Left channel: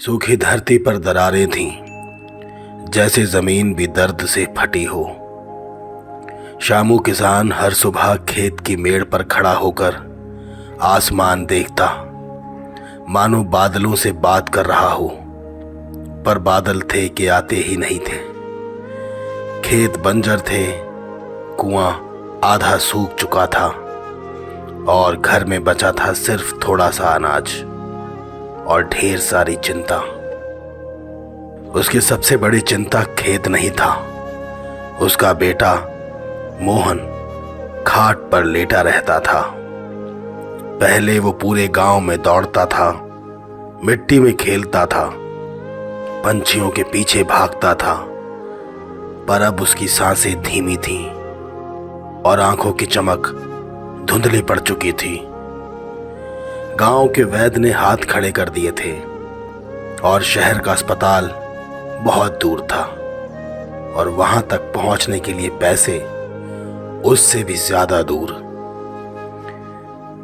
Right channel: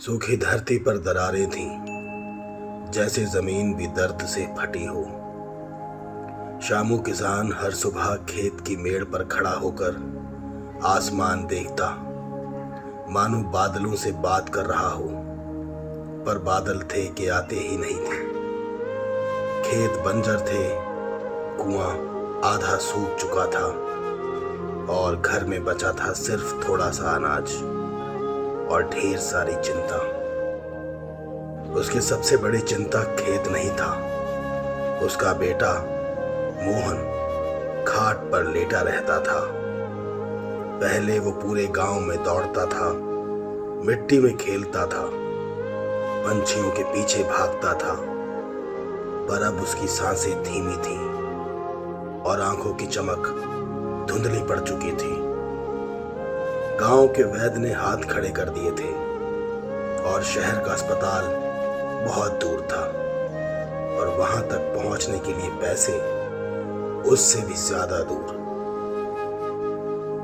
सूखी धरती पर दरारें थीं, जैसे जमीन भी दर्द से फटी हो। शामू किसान हर सुबह खेत की मेड़ पर खड़ा होकर आसमान देखता, मानो बादलों से बात कर रहा हो, पर बादल थे कि आते ही नहीं थे। खेत बंजर थे, कुआं आधा सूख चुका था और घर में बचा था सिर्फ थोड़ा सा अनाज और ढेर सारी चिंता। उसकी सबसे बड़ी चिंता खेत नहीं था, उसका बेटा मोहन खाट पर लेटा रहता था। पहले वो पूरे गांव में दौड़ता था, मिट्टी में खेलता था, पंछियों के पीछे भागता था, पर अब उसकी सांसें धीमी थीं और आंखों की चमक धुंधली पड़ चुकी थी। गांव के वैद्य ने हाथ खड़े कर दिए थे और शहर का अस्पताल बहुत दूर था और वहां तक पहुंचने के लिए पैसे उससे भी ज्यादा दूर।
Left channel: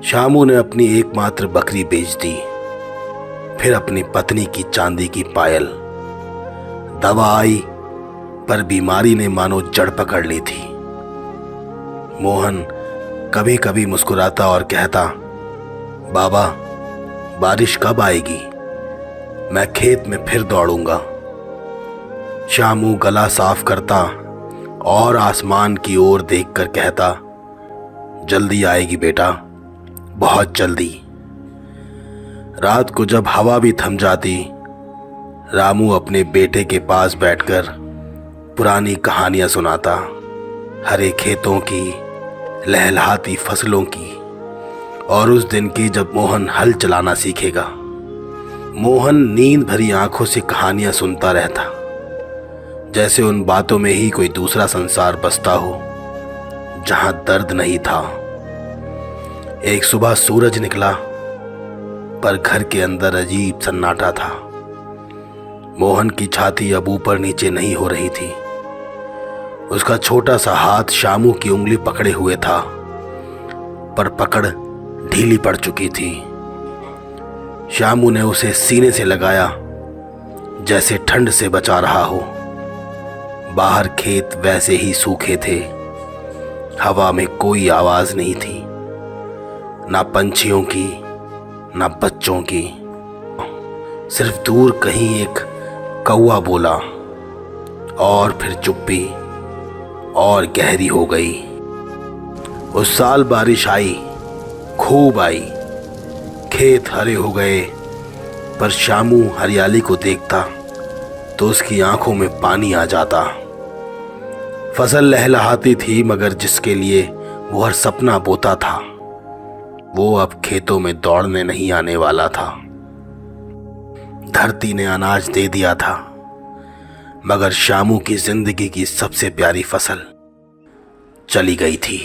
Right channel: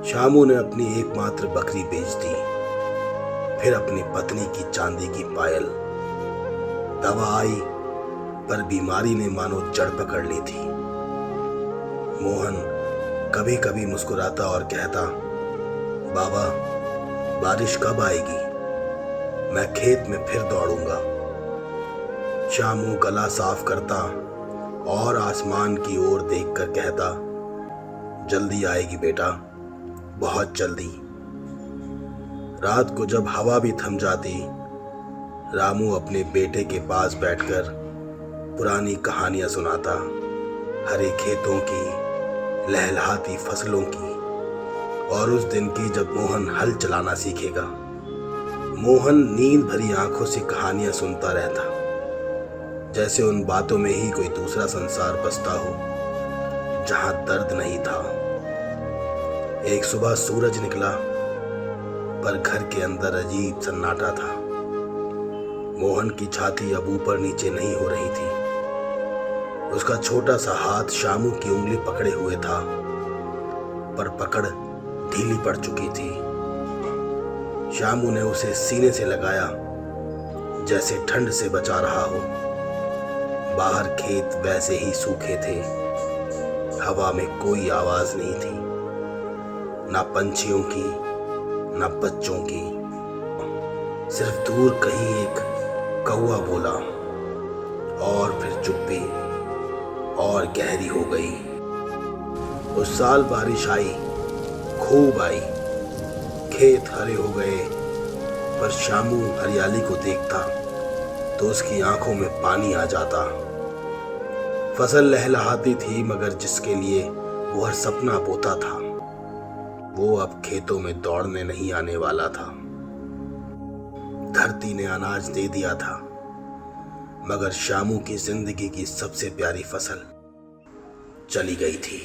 शामू ने अपनी एकमात्र बकरी बेच दी, फिर अपनी पत्नी की चांदी की पायल। दवा आई, पर बीमारी ने मानो जड़ पकड़ ली थी। मोहन कभी कभी मुस्कुराता और कहता, बाबा, बारिश कब आएगी? मैं खेत में फिर दौड़ूंगा। शामू गला साफ करता और आसमान की ओर देखकर कहता, जल्दी आएगी बेटा, बहुत जल्दी। रात को जब हवा भी थम जाती, रामू अपने बेटे के पास बैठकर पुरानी कहानियां सुनाता, हरे खेतों की, लहलहाती फसलों की और उस दिन की जब मोहन हल चलाना सीखेगा। मोहन नींद भरी आंखों से कहानियां सुनता रहता, जैसे उन बातों में ही कोई दूसरा संसार बसता हो जहां दर्द नहीं था। एक सुबह सूरज निकला, पर घर के अंदर अजीब सन्नाटा था। मोहन की छाती अब ऊपर नीचे नहीं हो रही थी। उसका छोटा सा हाथ शामू की उंगली पकड़े हुए था, पर पकड़ ढीली पड़ चुकी थी। शामू ने उसे सीने से लगाया, जैसे ठंड से बचा रहा हो। बाहर खेत वैसे ही सूखे थे, हवा में कोई आवाज नहीं थी, ना पंछियों की, ना बच्चों की। सिर्फ दूर कहीं एक कौवा बोला और फिर चुप्पी और गहरी हो गई। उस साल बारिश आई, खूब आई, खेत हरे हो गए, पर शामू हरियाली को देखता तो उसकी आंखों में पानी आ जाता। फसल लहलहाती थी, मगर जिसके लिए वो हर सपना बोता था, वो अब खेतों में दौड़ने नहीं आने वाला था। धरती ने अनाज दे दिया था, मगर शामू की जिंदगी की सबसे प्यारी फसल चली गई थी।